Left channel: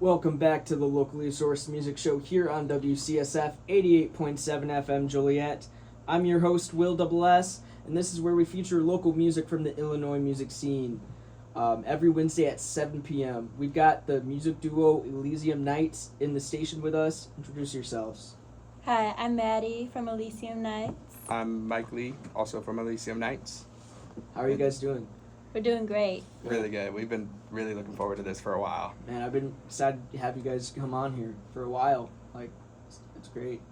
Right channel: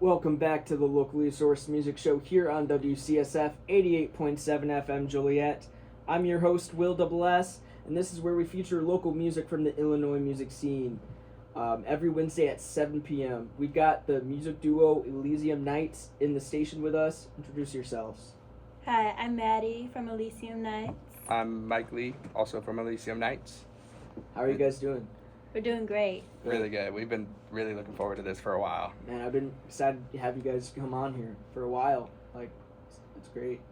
Welcome back to the locally sourced music show here on WCSF 88.7 FM Joliet. I'm your host, Will Double S, and this is where we feature local music from the Illinois music scene. Every Wednesday at 7 p.m. We got the music duo Elysium Nights in the station with us. Introduce yourselves. Hi, I'm Maddie from Elysium Nights. I'm Mike Lee, also from Elysium Nights. How are you guys doing? We're doing great. Really good. We've been really looking forward to this for a while. Man, I've been excited to have you guys come on here for a while. Like, it's great.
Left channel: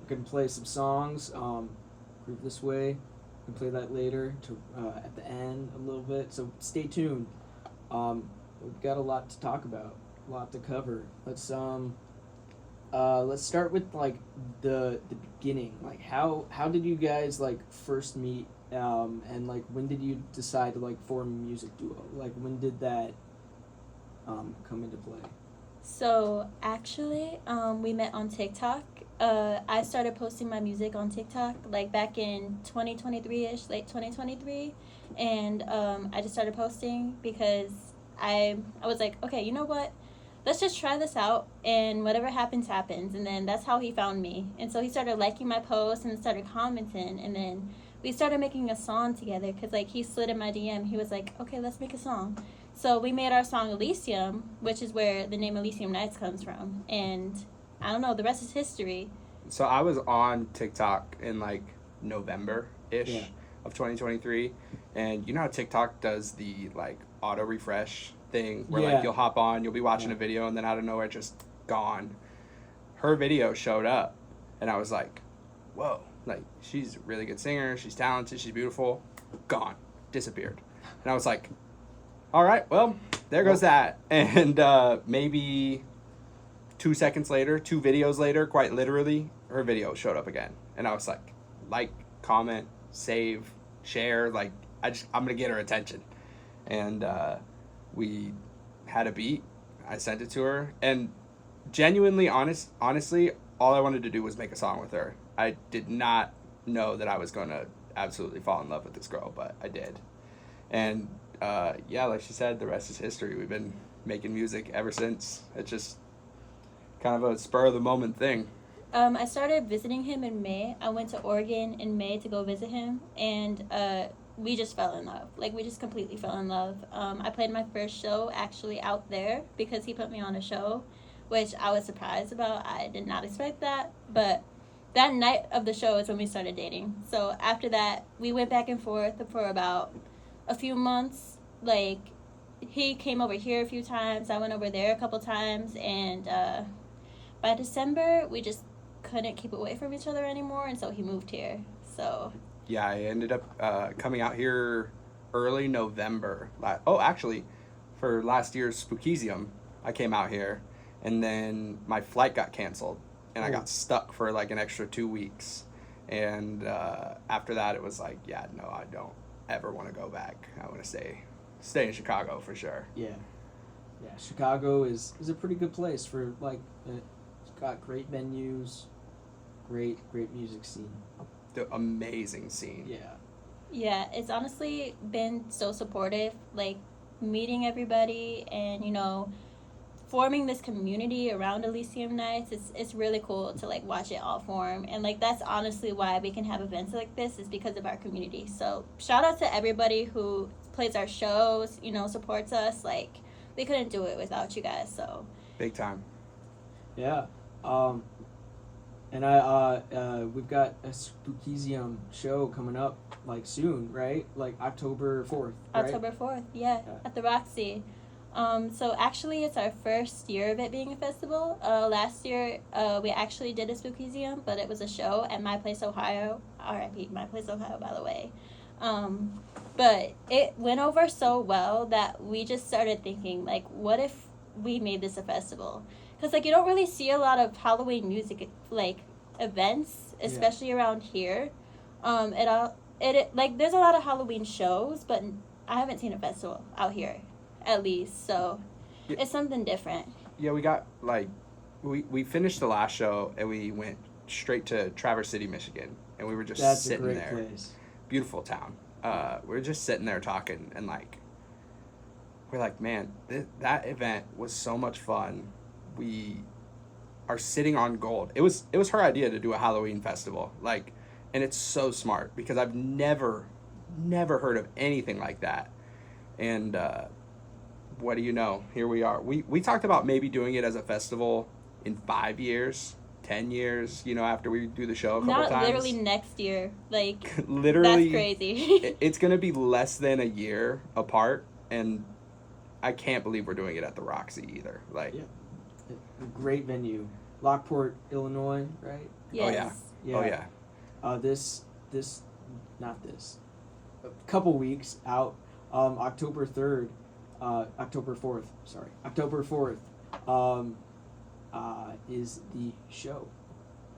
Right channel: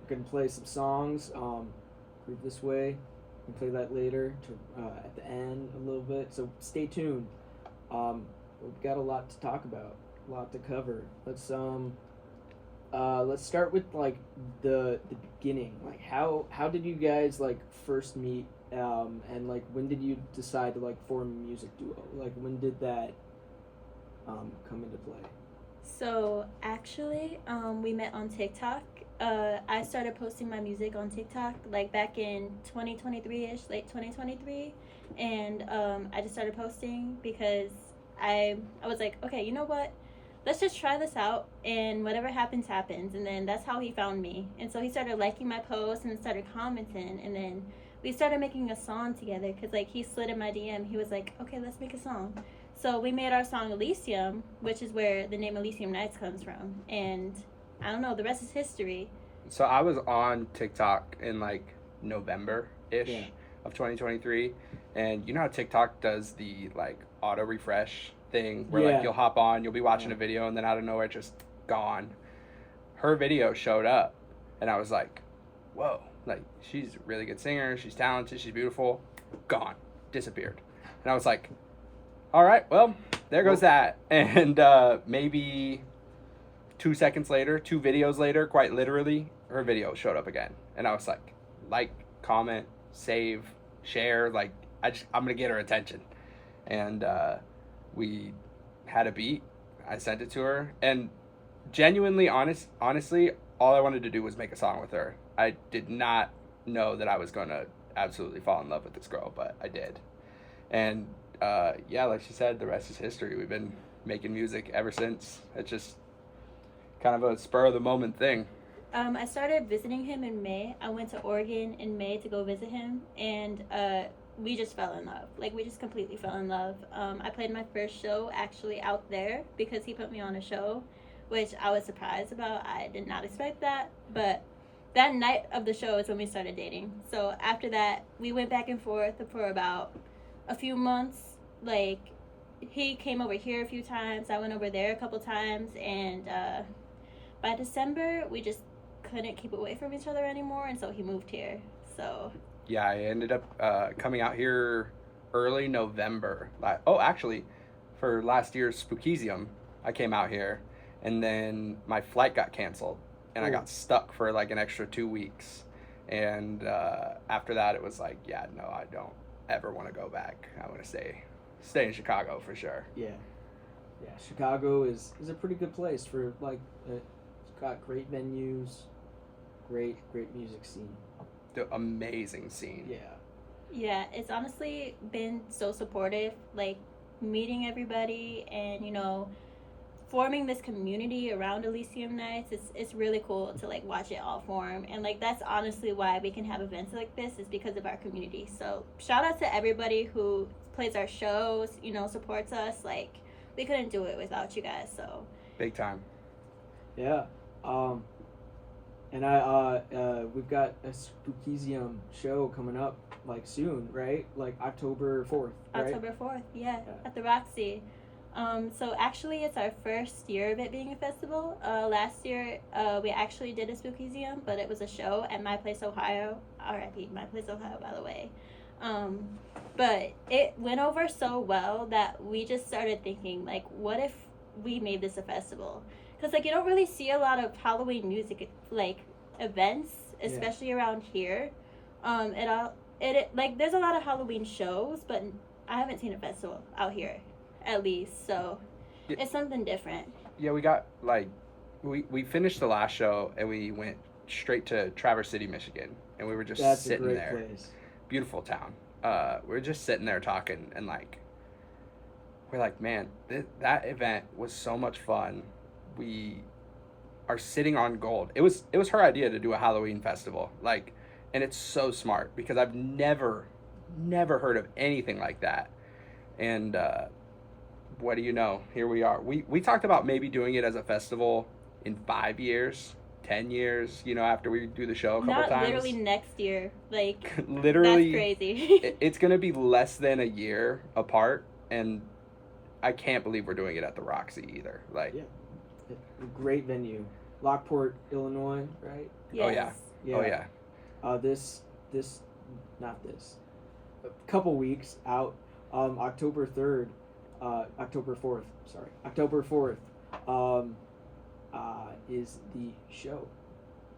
We can play some songs, Groove This Way. We can play that later to at the end a little bit. So stay tuned. We've got a lot to talk about, a lot to cover. Let's start with like the beginning. Like how did you guys like first meet? And like when did you decide to like form a music duo? Like when did that come into play? So actually, we met on TikTok. I started posting my music on TikTok like back in 2023-ish, late 2023, and I just started posting because I was like, okay, you know what? Let's just try this out, and whatever happens, happens. And then that's how he found me. And so he started liking my posts and started commenting, and then we started making a song together because like he slid in my DM. He was like, okay, let's make a song. So we made our song Elysium, which is where the name Elysium Nights comes from. And I don't know, the rest is history. So I was on TikTok in like November-ish of 2023. And you know how TikTok does the like auto refresh thing where like you'll hop on, you'll be watching a video, and then out of nowhere just gone. Her video showed up, and I was like, whoa. Like, she's a really good singer, she's talented, she's beautiful, gone, disappeared. And I was like, all right, well, there goes that. And maybe 2 seconds later, 2 videos later, quite literally, her video showed up again. And I was like, comment, save, share, like, I'm going to get her attention. And we had a beat, I sent it to her, and genuinely, honestly, all I wanted to do was make a song with her. I did not know that I was going to absolutely fall in love with this girl, but I did. And, like she said, the rest is history. We've been making music ever since. It's just kind of a spur-of-the-moment thing. I started visiting him in May. I went to Oregon in May to go visit him, and we just fell in love. Like, we just completely fell in love. I played my first show actually out there because he put me on a show, which I was surprised about. I did not expect that, but that night of the show is when we started dating. So after that, we went back and forth for about a few months. Like, he came over here a few times, I went over there a couple times, and by December, we just couldn't keep away from each other anymore, and so he moved here. So yeah, I ended up coming out here early November. Actually, for last year's Spookysium, I came out here, and then my flight got canceled, and I got stuck for like an extra 2 weeks. And after that, it was like, yeah, no, I don't ever want to go back. I want to stay in Chicago for sure. Yeah, Chicago is a pretty good place for like it's got great venues, great music scene. The amazing scene. Yeah, it's honestly been so supportive, like meeting everybody and, you know, forming this community around Elysium Nights. It's really cool to like watch it all form, and like that's honestly why we can have events like this, is because of our community. So shout out to everybody who plays our shows, you know, supports us. Like, we couldn't do it without you guys. So Big time. Yeah. And we've got a Spookysium show coming up like soon, right? Like October 4th, right? October 4th, yeah, at the Roxy. So actually it's our first year of it being a festival. Last year we actually did a Spookysium, but it was a show at My Place, Ohio. R.I.P. My Place, Ohio, by the way. But it went over so well that we just started thinking, like, what if we made this a festival? Because, like, you don't really see a lot of Halloween music, like, events, especially around here. Like, there's a lot of Halloween shows, but I haven't seen a festival out here, at least. So it's something different. Yeah, we got, like, we finished the last show, and we went straight to Traverse City, Michigan, and we were just sitting there. Place. Beautiful town. We were just sitting there talking, and, like, we're like, man, that event was so much fun. we are sitting on gold. It was her idea to do a Halloween festival, like, and it's so smart because I've never heard of anything like that. And what do you know? Here we are. We talked about maybe doing it as a festival in 5 years, 10 years, you know, after we do the show a couple Not times. literally next year. Like, literally, that's crazy. It's going to be less than a year apart, and I can't believe we're doing it at the Roxy either. Like, Great venue. Lockport, Illinois, right? Yes. Oh, yeah. Yeah. Oh, yeah. A couple weeks out, October 4th, is the show,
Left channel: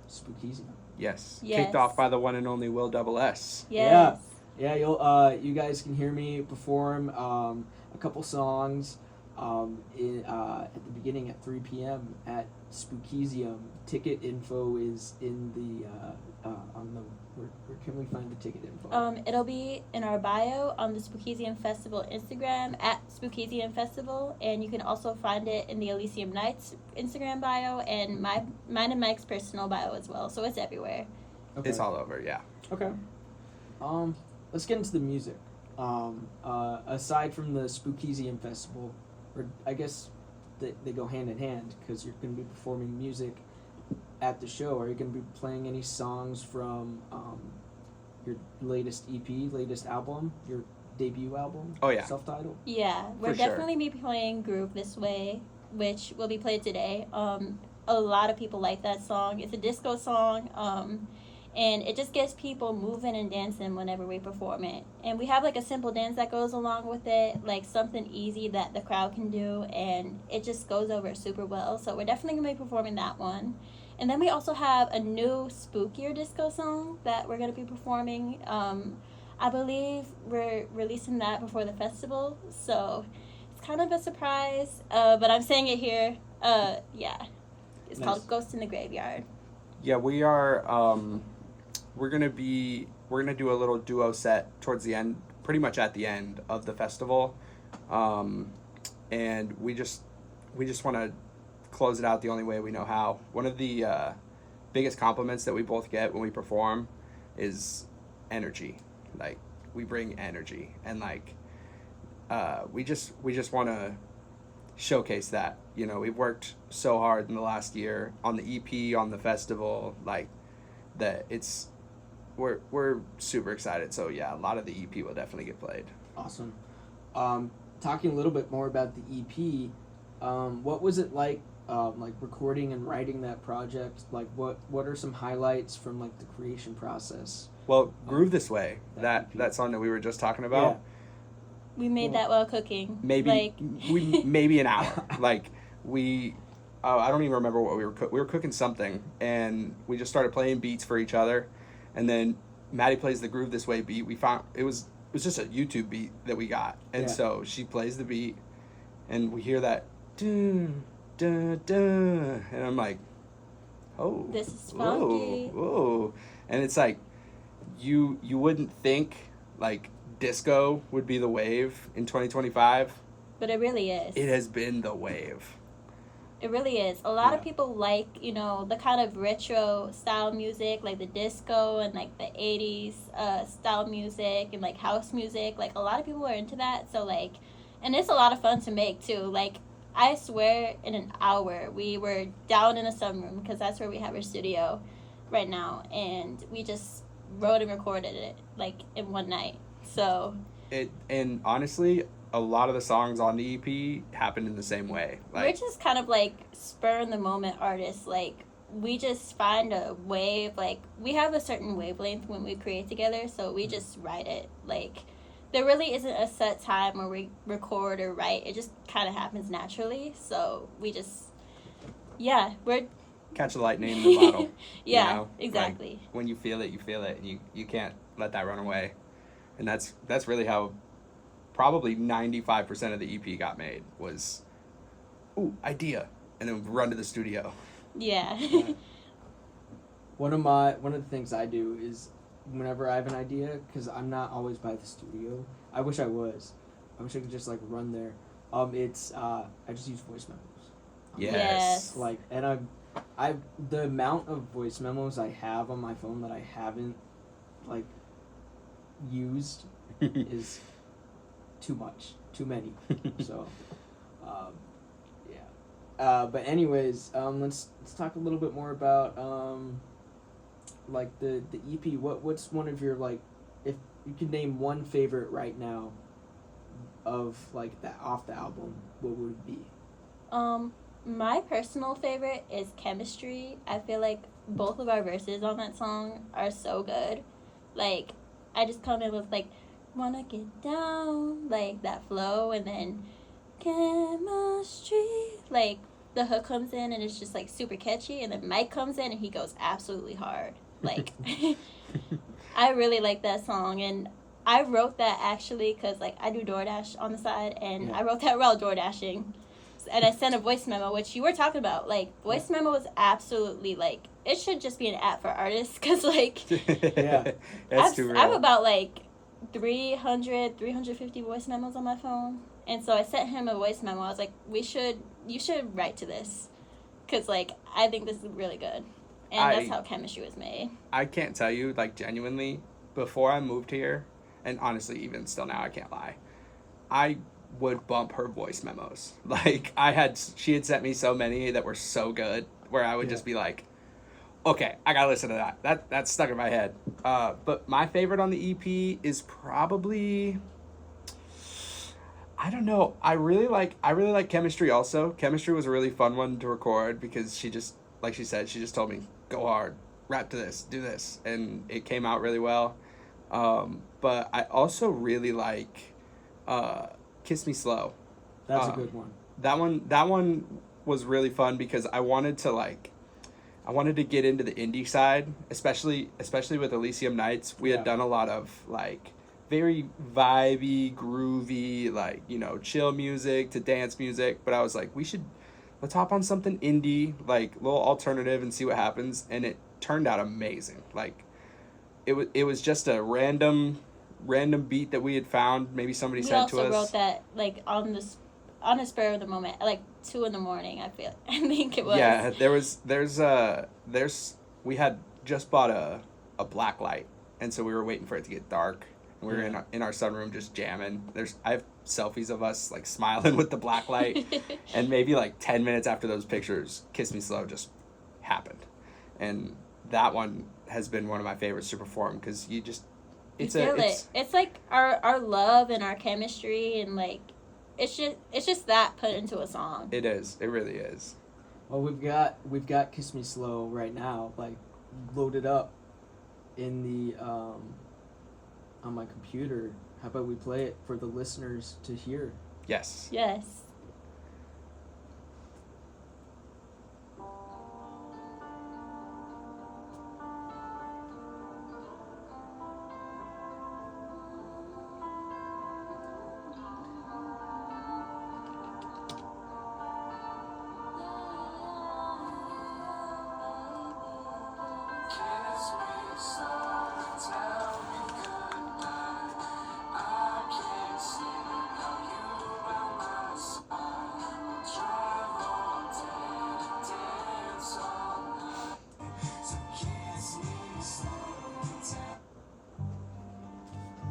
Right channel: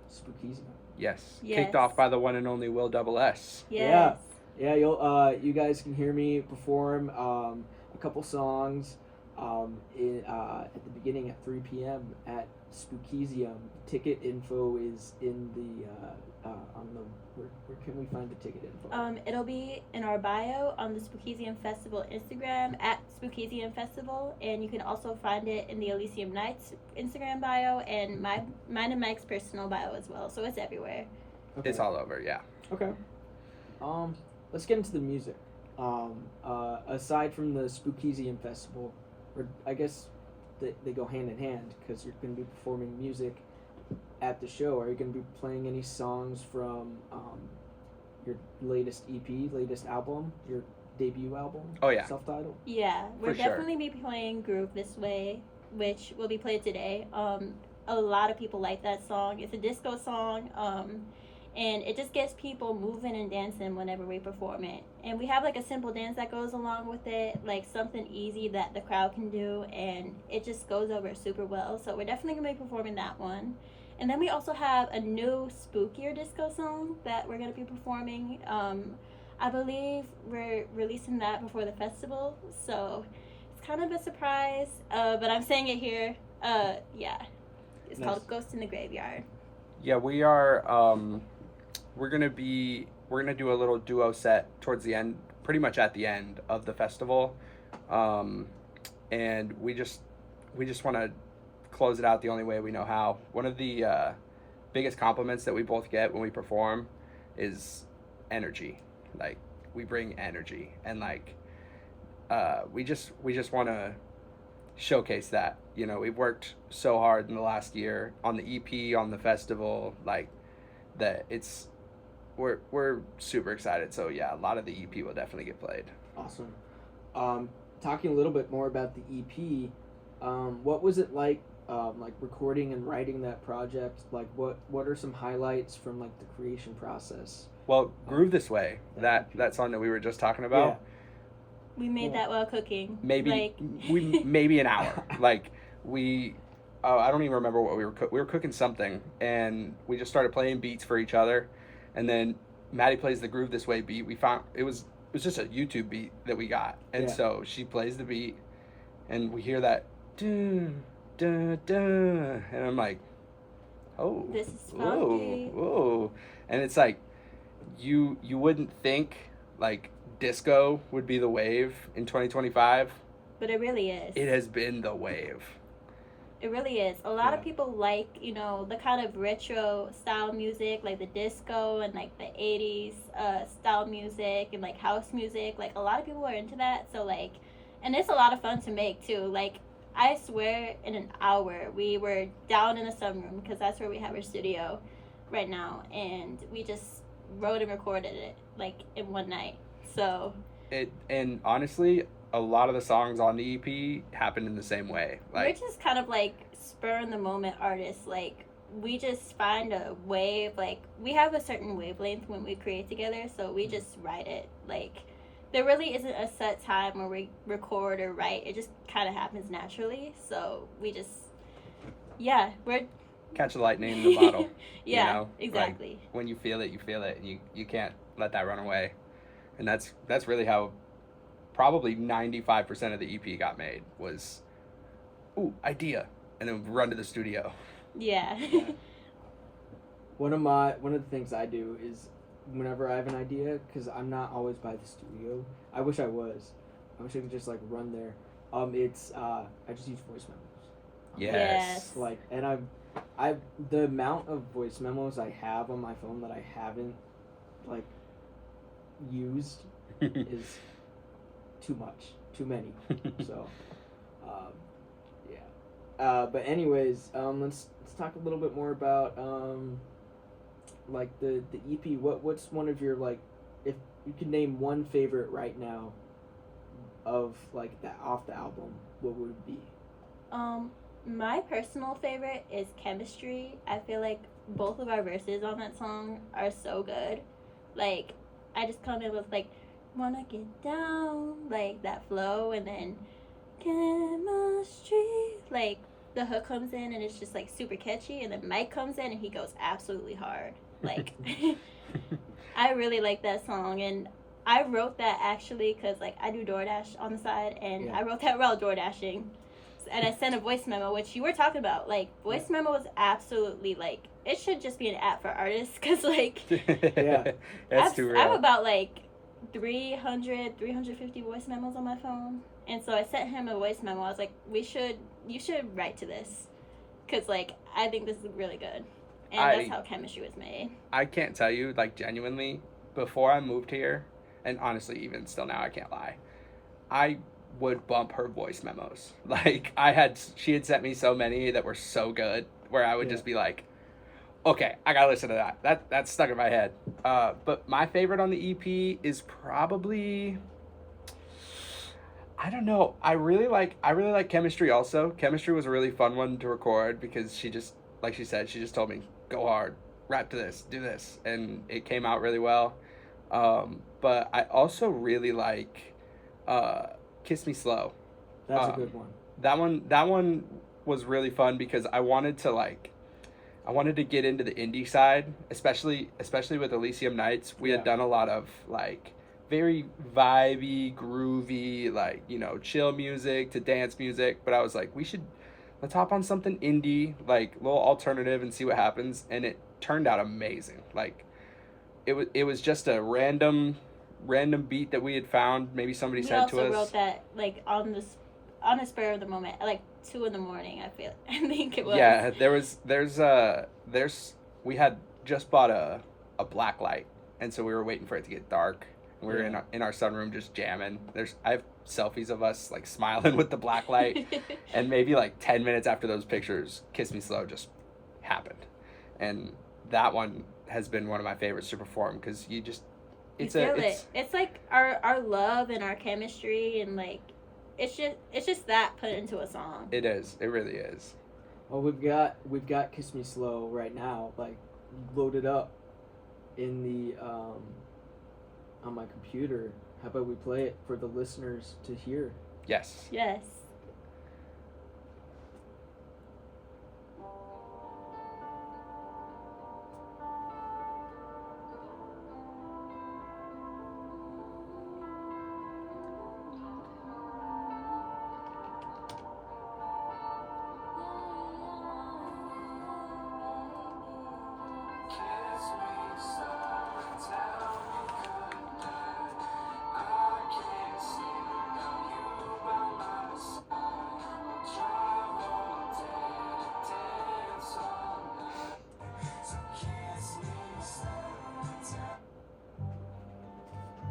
Spookysium. Yes. Yes. Kicked off by the one and only Will Double S. Yes. Yeah, you guys can hear me perform a couple songs at the beginning at 3 p.m. at Spookysium. Ticket info is in the on the where can we find the ticket info? It'll be in our bio on the Spookysium Festival Instagram at Spookysium Festival, and you can also find it in the Elysium Nights Instagram bio and mine and Mike's personal bio as well. So it's everywhere. Okay. It's all over, yeah. Okay. Let's get into the music. Aside from the Spookysium Festival, or I guess they go hand in hand because you're going to be performing music at the show. Are you going to be playing any songs from your latest EP, latest album, your debut album? Oh, yeah. Self-titled? Yeah, we're For sure. definitely be playing Groove This Way, which will be played today. A lot of people like that song. It's a disco song, and it just gets people moving and dancing whenever we perform it. And we have like a simple dance that goes along with it, like something easy that the crowd can do, and it just goes over super well. So we're definitely going to be performing that one. And then we also have a new spookier disco song that we're going to be performing. I believe we're releasing that before the festival, so it's kind of a surprise, but I'm saying it here. Yeah, it's called Ghost in the Graveyard. Yeah, we are, we're gonna do a little duo set towards the end, pretty much at the end of the festival. And we just want to close it out the only way we know how. One of the biggest compliments that we both get when we perform is energy. Like, we bring energy, and like we just want to showcase that. You know, we've worked so hard in the last year on the EP, on the festival, like that. We're super excited. So yeah, a lot of the EP will definitely get played. Awesome. Talking a little bit more about the EP, what was it like recording and writing that project? Like, what are some highlights from like the creation process? Well, Groove This Way, that song that we were just talking about. Yeah. We made that while cooking. Maybe maybe an hour. Like, I don't even remember what we were cooking something, and we just started playing beats for each other, and then Maddie plays the Groove This Way beat. We found it was just a YouTube beat that we got, and so she plays the beat, and we hear that dun dun dun, and I'm like, oh, This is funky. whoa, and it's like you wouldn't think like disco would be the wave in 2025. But it really is. It has been the wave. It really is. A lot of people like, you know, the kind of retro style music, like the disco and like the 80s style music and like house music. Like, a lot of people are into that. So like, and it's a lot of fun to make too. Like, I swear in an hour we were down in the sunroom, because that's where we have our studio right now, and we just wrote and recorded it like in one night. So And honestly, a lot of the songs on the EP happened in the same way. Like, we're just kind of like spur in the moment artists. Like, we just find a wave. Like, we have a certain wavelength when we create together, so we just write it. Like, there really isn't a set time where we record or write. It just kind of happens naturally. So we just, we're catch the lightning in the bottle. yeah, you know? exactly. Like, when you feel it, and you can't let that run away. And that's really how probably 95% of the EP got made, was, ooh, idea, and then run to the studio. Yeah. One of the things I do is whenever I have an idea, because I'm not always by the studio. I wish I was. I wish I could just like run there. I just use voice memos. Yes. Like, and the amount of voice memos I have on my phone that I haven't like used is too much, too many. So, yeah. But anyways, let's talk a little bit more about like the EP. What's one of your, like, if you could name one favorite right now of like that off the album, what would it be? My personal favorite is Chemistry. I feel like both of our verses on that song are so good. Like, I just come in with like, wanna get down, like that flow, and then chemistry, like the hook comes in and it's just like super catchy, and then Mike comes in and he goes absolutely hard. Like, I really like that song, and I wrote that actually because like I do DoorDash on the side, and I wrote that while DoorDashing. And I sent a voice memo, which you were talking about. Like, voice memo is absolutely, like, it should just be an app for artists. Because, like, That's too real. I have about, like, 350 voice memos on my phone. And so I sent him a voice memo. I was like, you should write to this. Because, like, I think this is really good. And that's how Chemistry was made. I can't tell you, like, genuinely, before I moved here, and honestly, even still now, I can't lie, I would bump her voice memos. Like, she had sent me so many that were so good, where I would just be like, okay, I gotta listen to that. That's stuck in my head. But my favorite on the EP is probably, I don't know. I really like Chemistry also. Chemistry was a really fun one to record because she just, like she said, she just told me, go hard, rap to this, do this, and it came out really well. But I also really like Kiss Me Slow. That's a good one. That one was really fun because I wanted to get into the indie side, especially with Elysium Nights. We had done a lot of like very vibey, groovy, like, you know, chill music to dance music, but I was like, let's hop on something indie, like a little alternative, and see what happens. And it turned out amazing. Like, it was just a random beat that we had found. Maybe somebody said to us. We also wrote that like on the spur of the moment, like 2 a.m. I think it was. Yeah, we had just bought a black light, and so we were waiting for it to get dark, and we were in our sunroom just jamming. I have selfies of us like smiling with the black light, and maybe like 10 minutes after those pictures, Kiss Me Slow just happened, and that one has been one of my favorites to perform because it's like our love and our chemistry, and like it's just that put into a song. It is. It really is. Well, we've got Kiss Me Slow right now, like loaded up in the on my computer. How about we play it for the listeners to hear? Yes. Yes.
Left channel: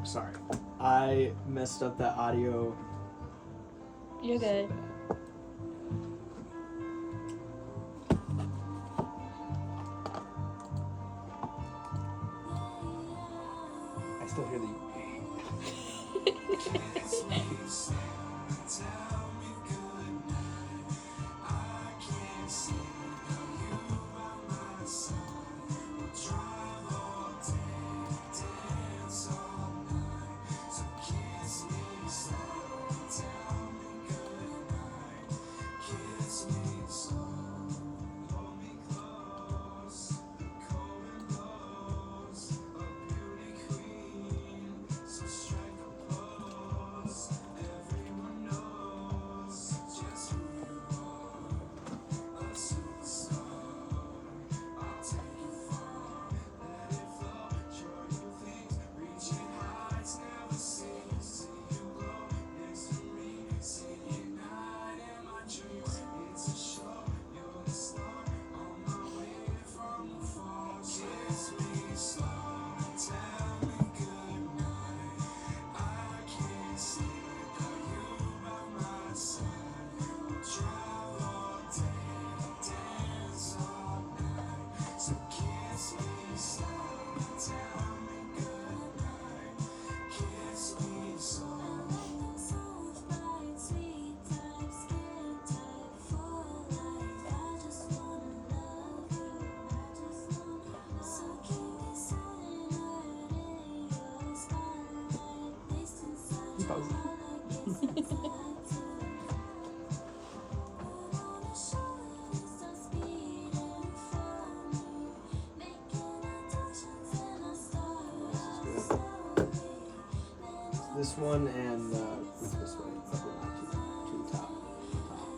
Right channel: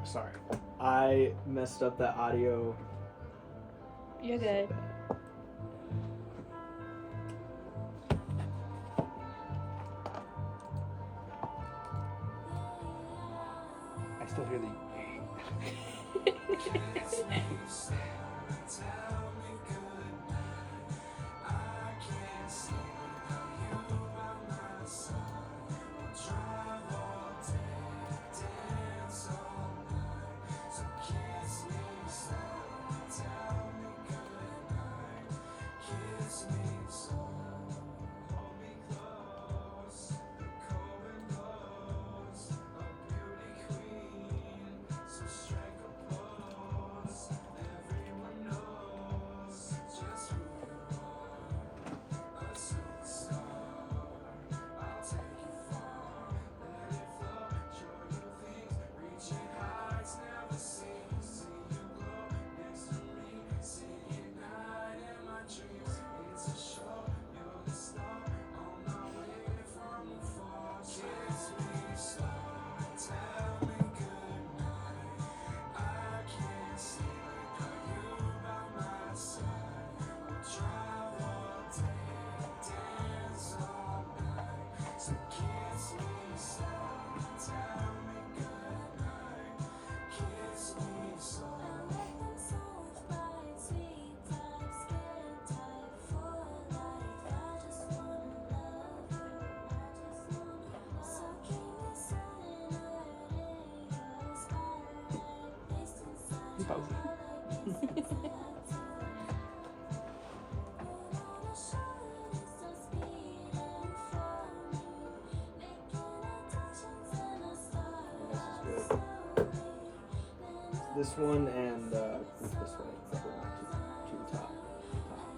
Sorry, I messed up that audio. You're good. I still hear the. suppose. This one and this one. To top.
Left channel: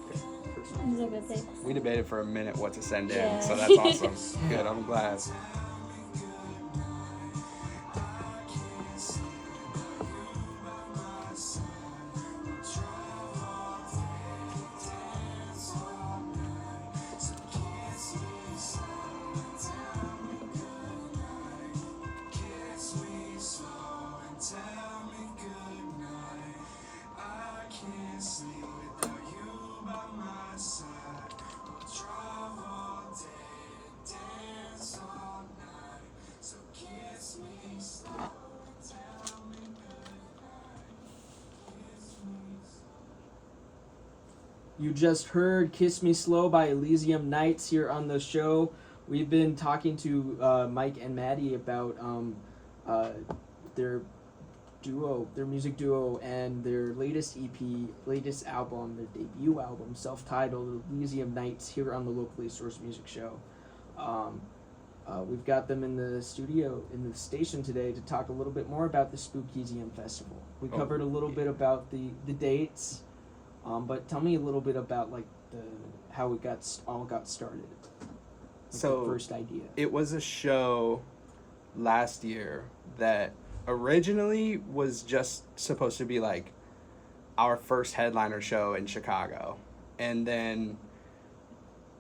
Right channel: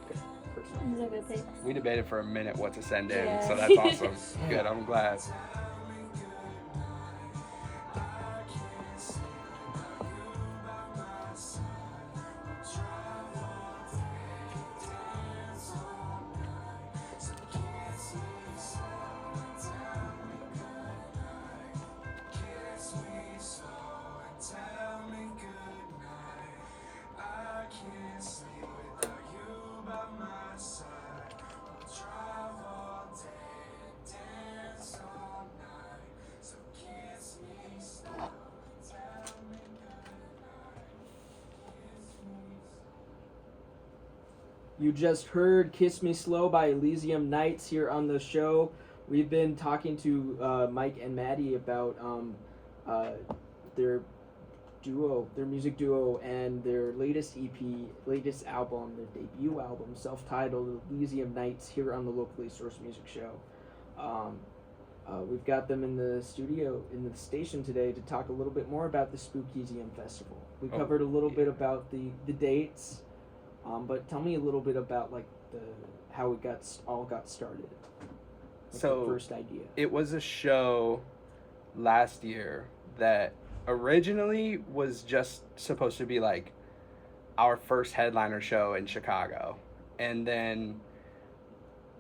Okay. First one. It's a good pick. We debated for a minute what to send in, Yeah. so that's awesome. Good, I'm glad. You just heard Kiss Me Slow by Elysium Nights here on the show. We've been talking to Mike and Maddie about their music duo, and their latest album, their debut album, self-titled Elysium Nights, here on the Locally Sourced Music Show. We've got them in the studio, in the station today, to talk a little bit more about the Spookysium Festival. We covered a little bit about the dates. But tell me a little bit about how it all got started. So the first idea. It was a show last year that originally was just supposed to be like our first headliner show in Chicago, and then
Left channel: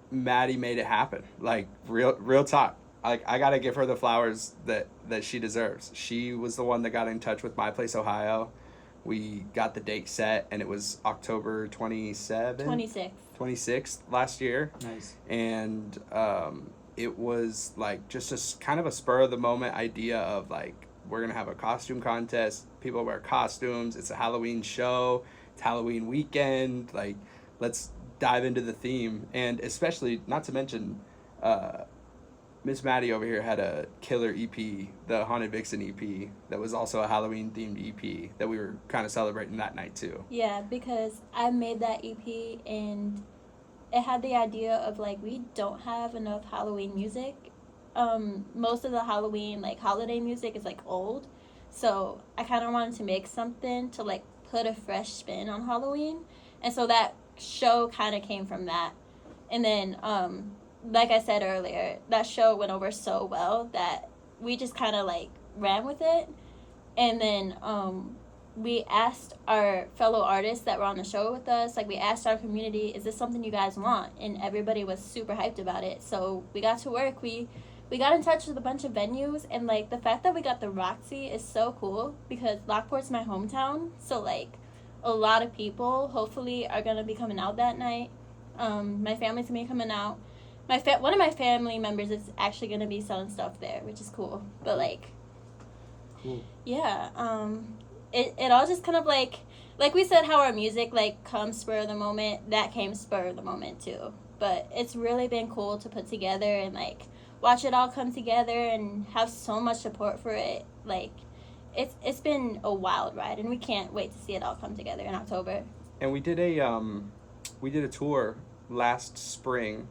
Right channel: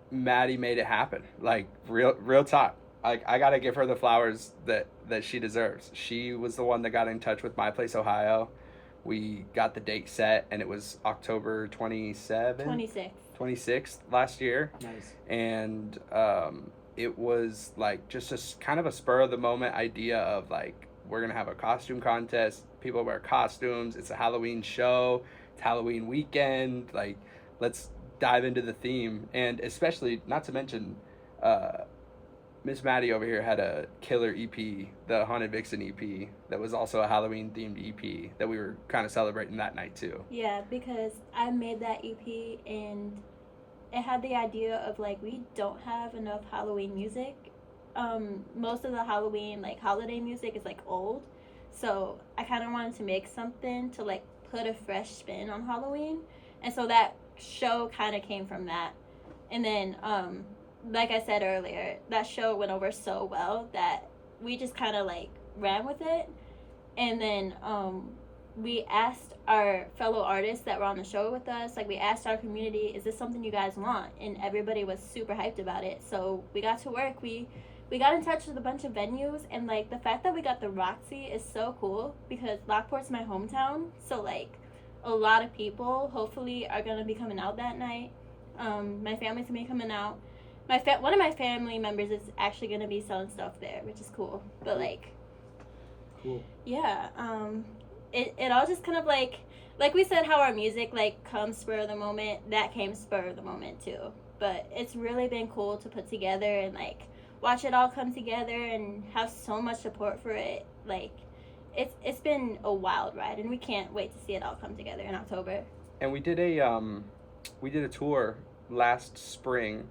Maddie made it happen. Like real talk. Like, I gotta give her the flowers that she deserves. She was the one that got in touch with My Place Ohio. We got the date set, and it was October 26th last year. Nice. And it was like just a kind of a spur of the moment idea of like, we're going to have a costume contest. People wear costumes. It's a Halloween show. It's Halloween weekend. Like, let's dive into the theme. And especially, not to mention, Miss Maddie over here had a killer EP, the Haunted Vixen EP, that was also a Halloween-themed EP that we were kind of celebrating that night, too. Yeah, because I made that EP, and it had the idea of, like, we don't have enough Halloween music. Most of the Halloween, like, holiday music is, like, old. So I kind of wanted to make something to, like, put a fresh spin on Halloween. And so that show kind of came from that. And then, like I said earlier, that show went over so well that we just kind of like ran with it. And then we asked our fellow artists that were on the show with us, like, we asked our community, is this something you guys want? And everybody was super hyped about it. So we got to work. We got in touch with a bunch of venues, and like the fact that we got the Roxy is so cool because Lockport's my hometown. So like a lot of people hopefully are gonna be coming out that night. My family's gonna be coming out. One of my family members is actually going to be selling stuff there, which is cool. But, like, cool. Yeah, it all just kind of, like we said, how our music, like, comes spur of the moment, that came spur of the moment, too. But it's really been cool to put together and, like, watch it all come together and have so much support for it. Like, it's been a wild ride, and we can't wait to see it all come together in October. And we did a tour last spring,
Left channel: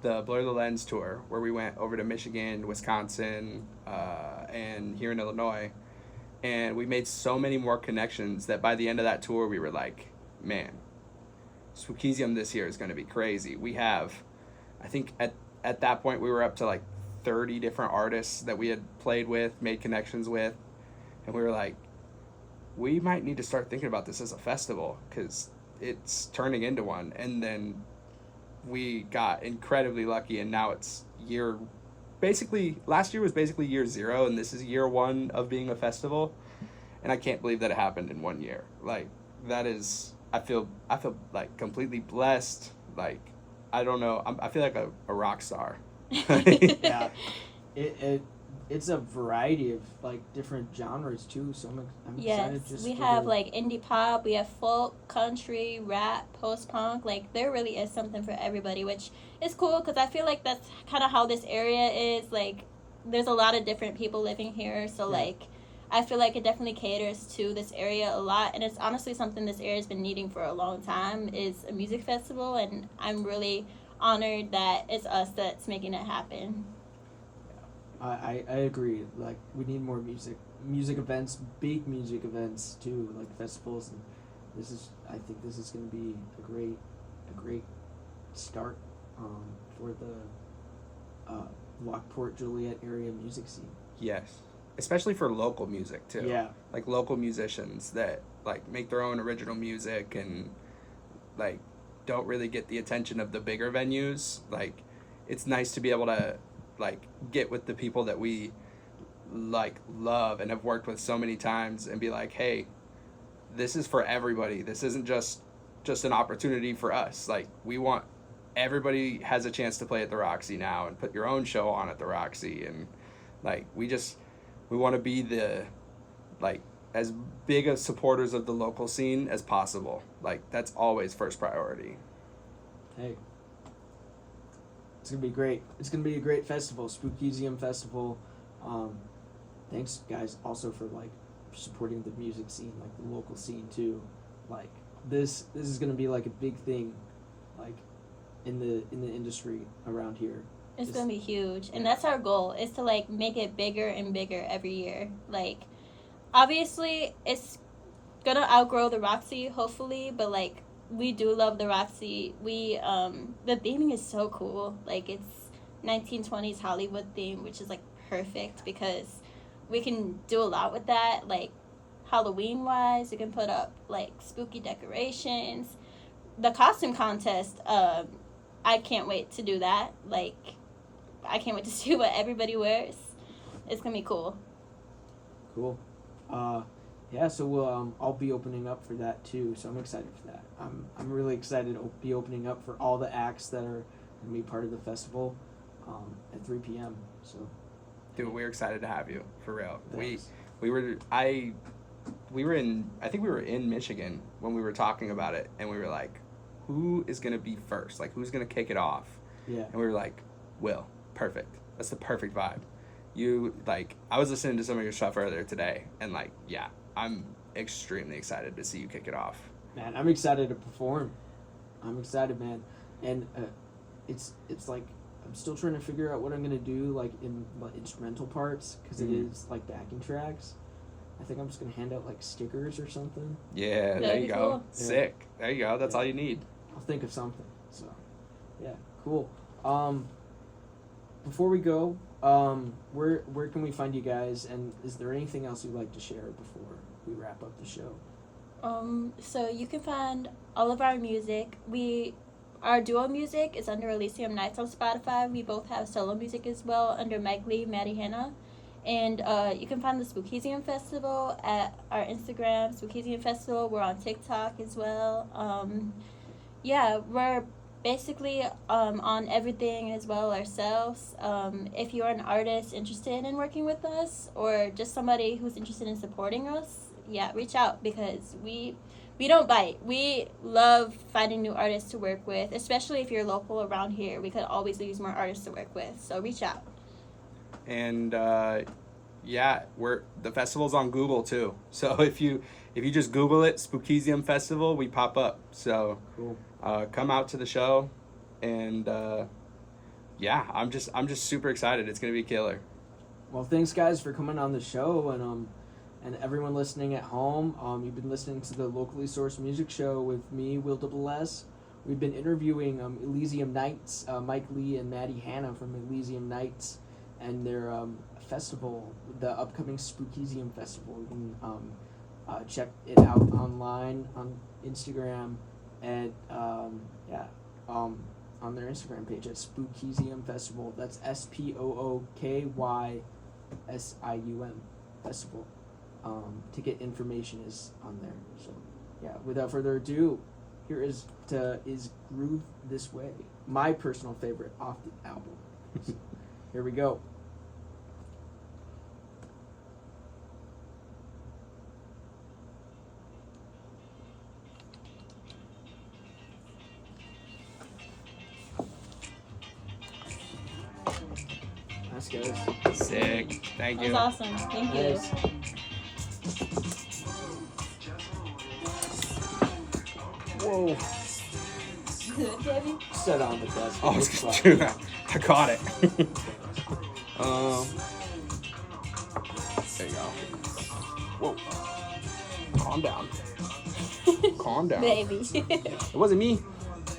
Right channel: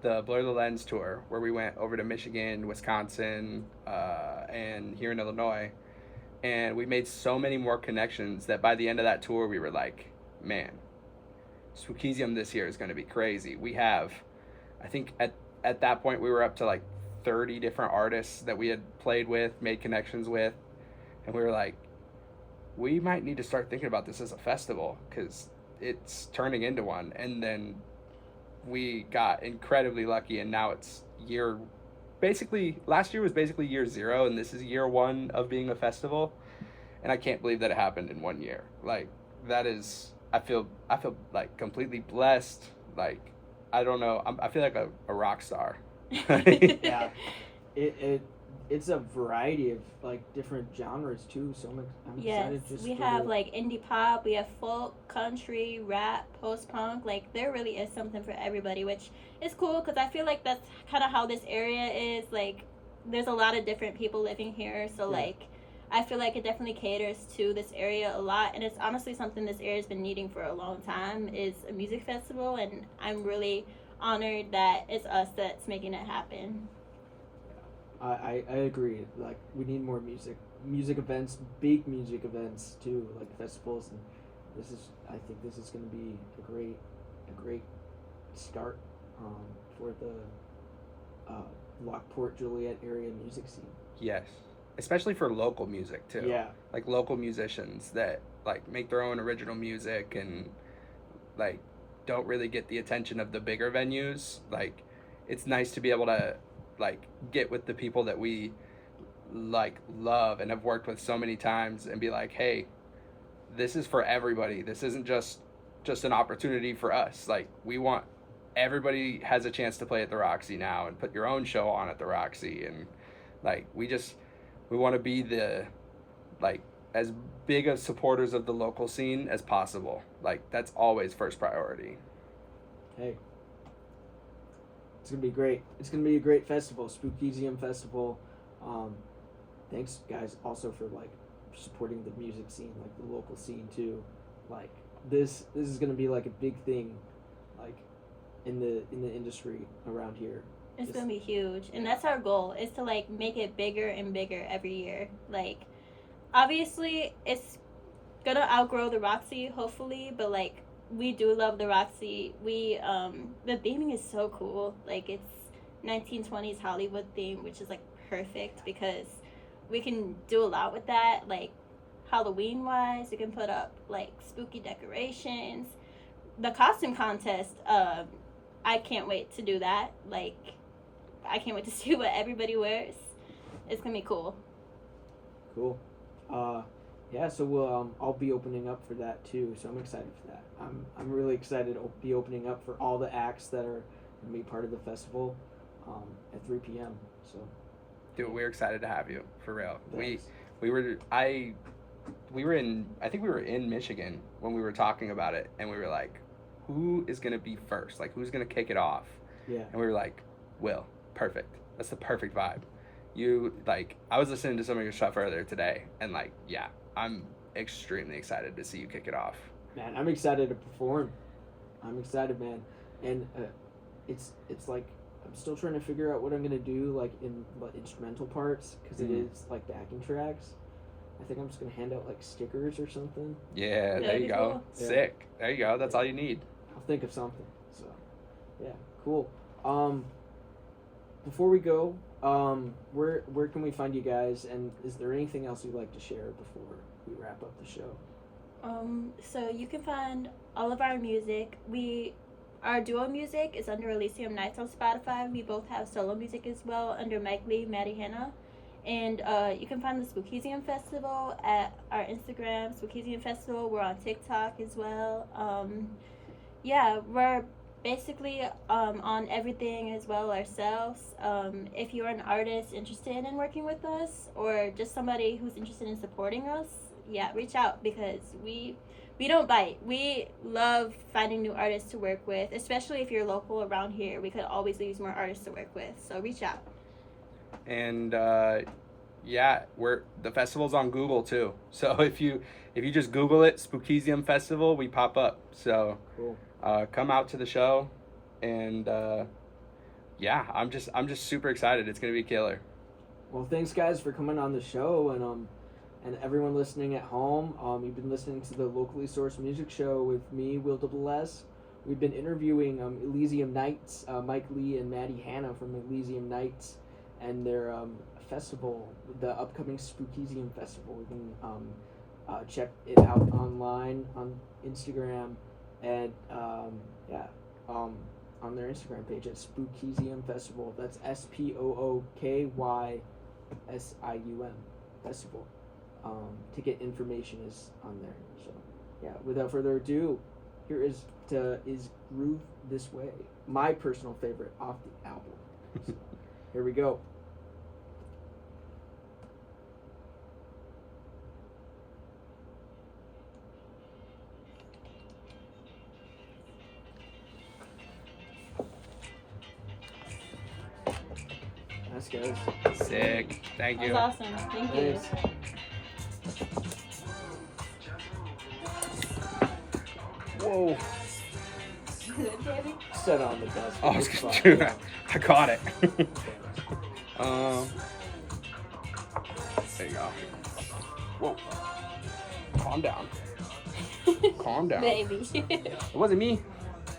the Blur the Lens tour, where we went over to Michigan, Wisconsin, and here in Illinois. And we made so many more connections that by the end of that tour, we were like, man, Spookysium this year is going to be crazy. We have, I think at that point, we were up to like 30 different artists that we had played with, made connections with. And we were like, we might need to start thinking about this as a festival because it's turning into one. And then we got incredibly lucky, and now it's last year was basically year 0, and this is year 1 of being a festival, and I can't believe that it happened in 1 year. Like, that is, I feel like completely blessed. Like, I don't know, I feel like a rock star. Yeah, it's a variety of like different genres too. So I'm excited. Yes, we have like indie pop, we have folk, country, rap, post punk. Like, there really is something for everybody, which is cool because I feel like that's kind of how this area is. Like, there's a lot of different people living here, so like I feel like it definitely caters to this area a lot, and it's honestly something this area has been needing for a long time, is a music festival, and I'm really honored that it's us that's making it happen. I agree. Like, we need more music events, big music events too, like festivals. And I think this is going to be a great start for the Lockport Joliet area music scene. Yes, especially for local music too. Yeah. Like local musicians that like make their own original music and like don't really get the attention of the bigger venues. Like, it's nice to be able to like get with the people that we like love and have worked with so many times and be like, hey, this is for everybody. This isn't just an opportunity for us. Like, we want everybody has a chance to play at the Roxy now and put your own show on at the Roxy. And like, we want to be the like as big of supporters of the local scene as possible. Like, that's always first priority. Hey, it's gonna be great. It's gonna be a great festival, Spookysium Festival. Thanks, guys, also for like supporting the music scene, like the local scene too. Like, this is gonna be like a big thing, like in the industry around here. It's gonna be huge, and that's our goal, is to like make it bigger and bigger every year. Like, obviously it's gonna outgrow the Roxy, hopefully, but like, we do love the Roxy. We the theming is so cool. Like, it's 1920s Hollywood theme, which is like perfect because we can do a lot with that. Like, Halloween wise, we can put up like spooky decorations. The costume contest, I can't wait to do that. Like, I can't wait to see what everybody wears. It's gonna be cool. Cool. Yeah, so I'll be opening up for that too, so I'm excited for that. I'm really excited to be opening up for all the acts that are gonna be part of the festival at 3 p.m. So, Dude, we're excited to have you, for real. Thanks. We were in Michigan when we were talking about it, and we were like, who is gonna be first? Like, who's gonna kick it off? yeah. And we were like, Will, perfect. That's the perfect vibe. You, like, I was listening to some of your stuff earlier today, and like, yeah, I'm extremely excited to see you kick it off. Man, I'm excited to perform. I'm excited, man. And it's like, I'm still trying to figure out what I'm gonna do, like, in the instrumental parts, because it is like backing tracks. I think I'm just gonna hand out like stickers or something. Yeah, there That'd you be go. cool. Sick. There you go. That's all you need. I'll think of something. So, yeah, cool. Before we go, where can we find you guys? And is there anything else you'd like to share before we wrap up the show? So you can find all of our music. Our duo music is under Elysium Nights on Spotify. We both have solo music as well under Mike Lee, Maddie Hanna. And you can find the Spookysium Festival at our Instagram, Spookysium Festival. We're on TikTok as well. Yeah, we're basically on everything as well ourselves. If you're an artist interested in working with us, or just somebody who's interested in supporting us, yeah, reach out, because we don't bite. We love finding new artists to work with, especially if you're local around here. We could always use more artists to work with, so reach out. And yeah, the festival's on Google too. So if you just Google it, Spookysium Festival, we pop up. So Cool. come out to the show, and yeah, I'm just super excited. It's gonna be killer. Well, thanks, guys, for coming on the show, and everyone listening at home. You've been listening to the locally sourced music show with me, Will S. We've been interviewing Elysium Nights, Mike Lee and Maddie Hanna from Elysium Nights, and their festival, the upcoming Spookysium Festival. You can check it out online on Instagram at on their Instagram page at Spookysium Festival. That's SPOOKYSIUM Festival. Ticket information is on there. So yeah, without further ado, here is Groove This Way, my personal favorite off the album. So, here we go. Nice, guys. Sick. Thank That you. was awesome. Thank you. Yes. Whoa. Baby. Set on the desk. Oh, I was gonna do that. I caught it. There you go. Whoa. Calm down. Calm down. Baby. It wasn't me.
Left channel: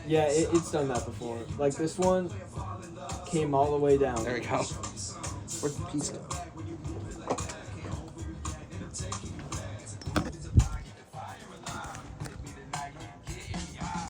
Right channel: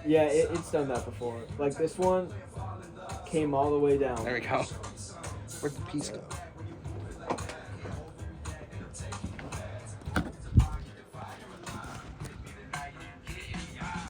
Yeah, it's done that before. Like this one came all the way down. There we go. Where'd the piece go?